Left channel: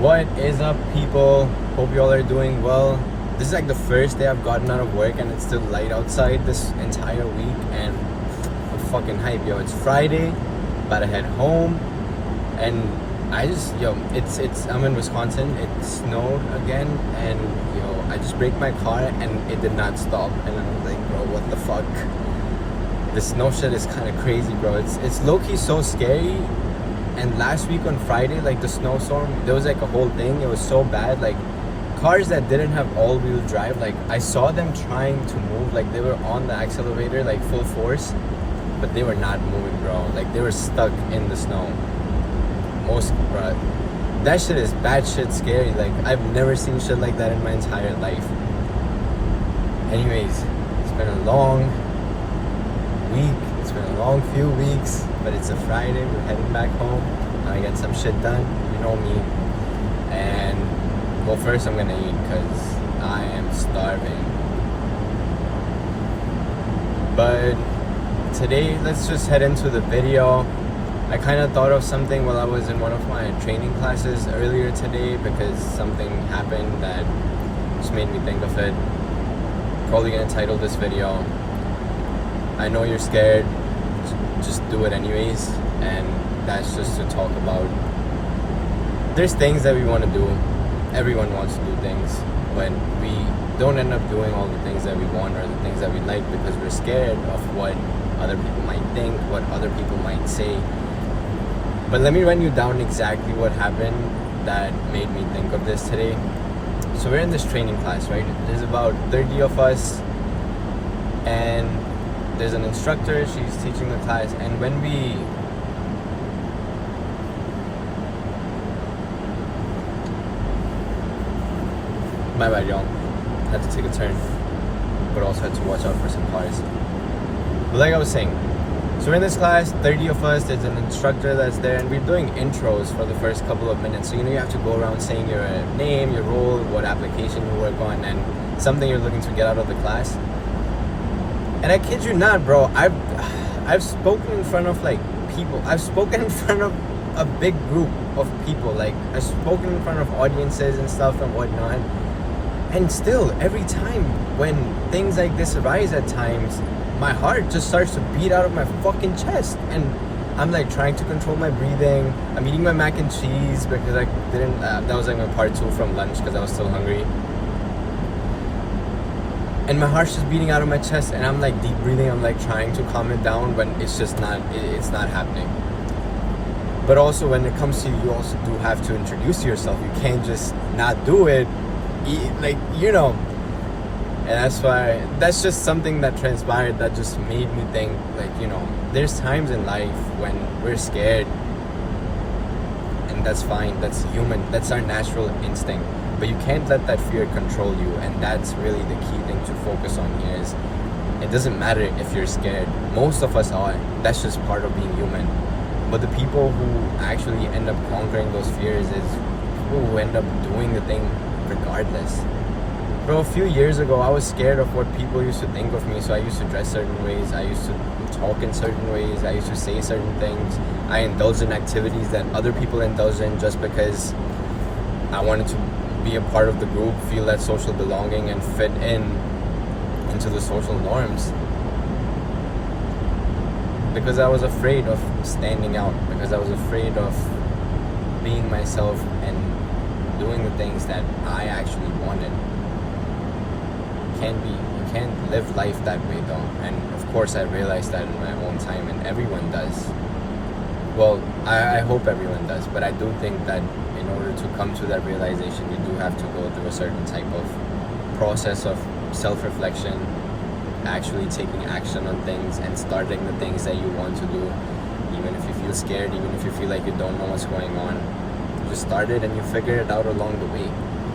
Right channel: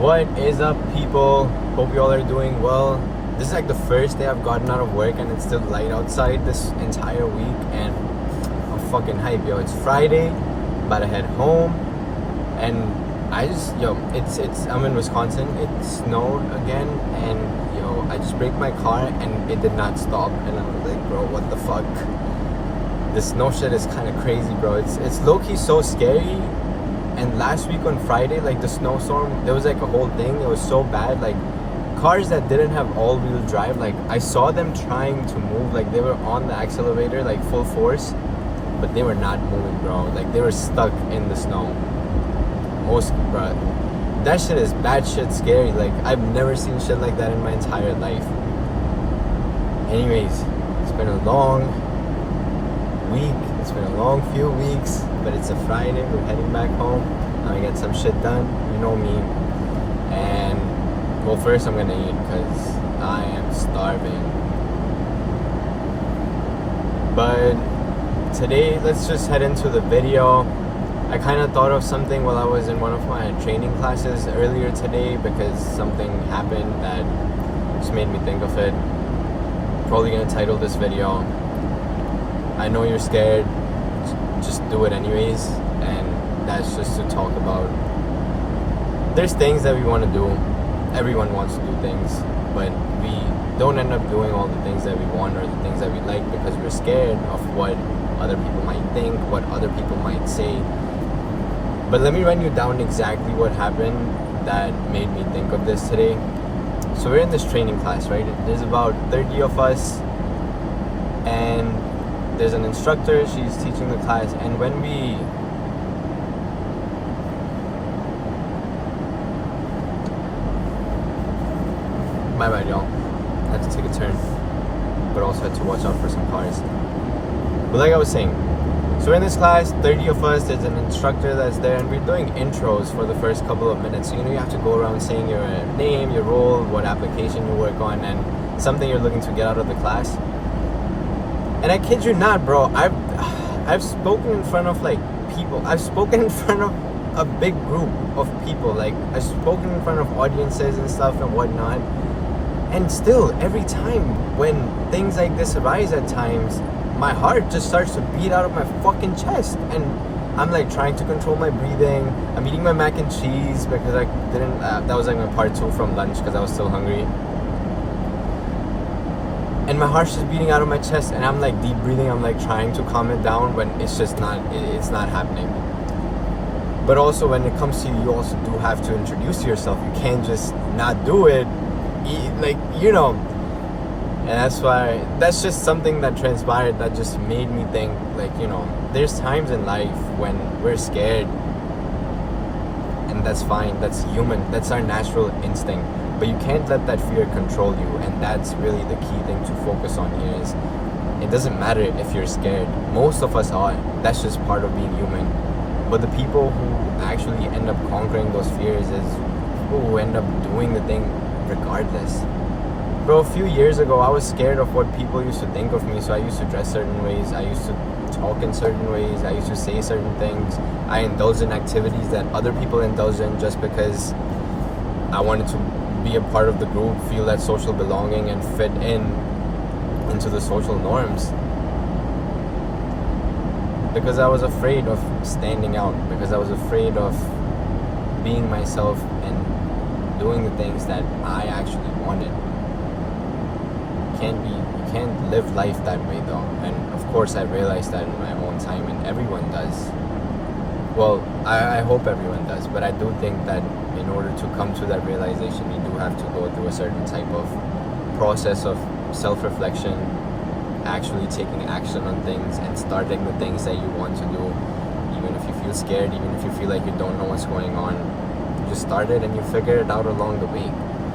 What is up, people? Hope you all are doing well. This is like the first day I've gotten out of work and it's still light outside this entire week, and I'm fucking hyped, yo. It's Friday, about to head home, and I'm in Wisconsin. It snowed again, and I just braked my car and it did not stop, and I was like, bro, what the fuck? This snow shit is kind of crazy, bro. It's low-key so scary. And last week on Friday, like the snowstorm, there was like a whole thing. It was so bad. Like cars that didn't have all-wheel drive, like I saw them trying to move. Like they were on the accelerator, like full force, but they were not moving, bro. Like they were stuck in the snow. Bro, that shit is bad shit scary. Like I've never seen shit like that in my entire life. Anyways, it's been a long week. It's been a long few weeks, but it's a Friday. We're heading back home. I got some shit done. You know me. And well, first I'm gonna eat because I am starving. But today, let's just head into the video. I kind of thought of something while I was in one of my training classes earlier today because something happened that just made me think of it. Probably gonna title this video, I know you're scared, just do it anyways. And that's just to talk about, there's things that we want to do. Everyone wants to do things, but we don't end up doing all the things that we want or the things that we like because we're scared of what other people might think, what other people might say. But let me run you down exactly what happened that made me think of this today. So we're in this training class, right? There's about 30 of us, and there's an instructor. She's teaching the class, and when we my bad, y'all, had to take a turn, but also had to watch out for some cars. But like I was saying, so we're in this class, 30 of us, there's an instructor that's there, and we're doing intros for the first couple of minutes. So you have to go around saying your name, your role, what application you work on, and something you're looking to get out of the class. And I kid you not, bro, I've spoken in front of like people. I've spoken in front of a big group of people. Like I've spoken in front of audiences and stuff and whatnot. And still, every time when things like this arise at times, my heart just starts to beat out of my fucking chest. And I'm like trying to control my breathing. I'm eating my mac and cheese because I didn't, that was like my part 2 from lunch because I was still hungry. And my heart's just beating out of my chest, and I'm like deep breathing. I'm like trying to calm it down when it's just not, it's not happening. But also when it comes to you, you also do have to introduce yourself. You can't just not do it, and that's just something that transpired that just made me think, like, there's times in life when we're scared, and that's fine, that's human, that's our natural instinct. But you can't let that fear control you, and that's really the key thing to focus on here is it doesn't matter if you're scared. Most of us are. That's just part of being human. But the people who actually end up conquering those fears is who end up doing the thing regardless. Bro, a few years ago, I was scared of what people used to think of me, so I used to dress certain ways, I used to talk in certain ways, I used to say certain things. I indulged in activities that other people indulge in just because I wanted to be a part of the group, feel that social belonging, and fit into the social norms. Because I was afraid of standing out, because I was afraid of being myself and doing the things that I actually wanted. You can't live life that way though. And of course I realized that in my own time, and everyone does. Well, I hope everyone does, but I do think that in order to come to that realization, you do have to go through a certain type of process of self-reflection, actually taking action on things and starting the things that you want to do. Even if you feel scared, even if you feel like you don't know what's going on, you just start it and you figure it out along the way.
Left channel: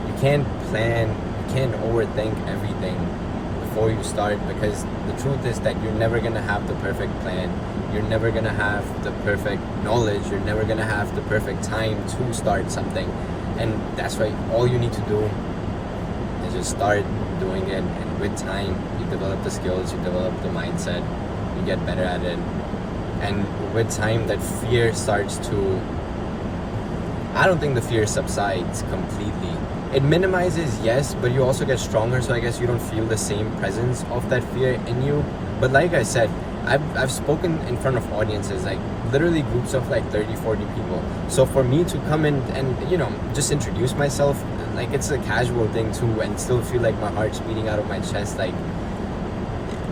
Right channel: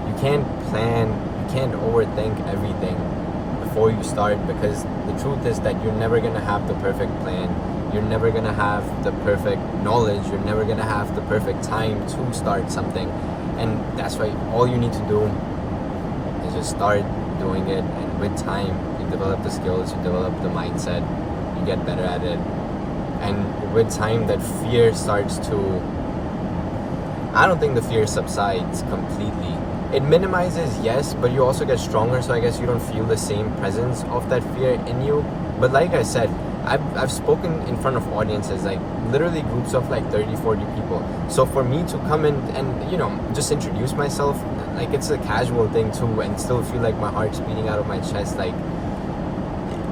You can't plan, you can't overthink everything before you start, because the truth is that you're never gonna have the perfect plan. You're never gonna have the perfect knowledge. You're never gonna have the perfect time to start something. And that's why all you need to do is just start doing it. And with time, you develop the skills, you develop the mindset, you get better at it. And with time, that fear starts to I don't think the fear subsides completely. It minimizes, yes, but you also get stronger, so I guess you don't feel the same presence of that fear in you. But like I said, I've spoken in front of audiences, like literally groups of like 30, 40 people. So for me to come in and, you know, just introduce myself, like it's a casual thing too, and still feel like my heart's beating out of my chest, like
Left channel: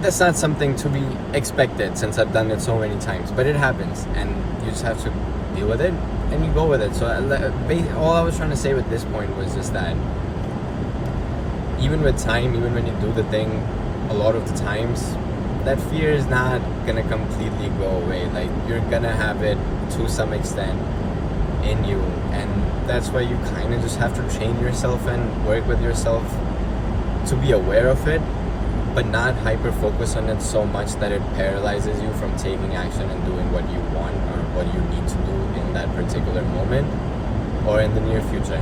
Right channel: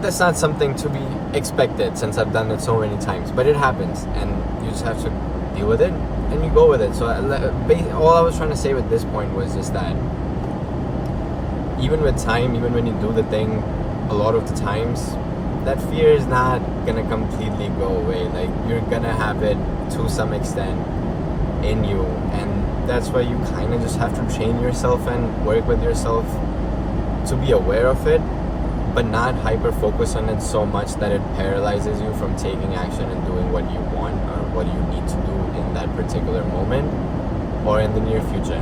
that's not something to be expected since I've done it so many times. But it happens, and you just have to deal with it, and you go with it. So all I was trying to say with this point was just that even with time, even when you do the thing, a lot of the times, that fear is not gonna completely go away. Like you're gonna have it to some extent in you, and that's why you kind of just have to train yourself and work with yourself to be aware of it, but not hyper focus on it so much that it paralyzes you from taking action and doing what you want or what you need to do in that particular moment or in the near future.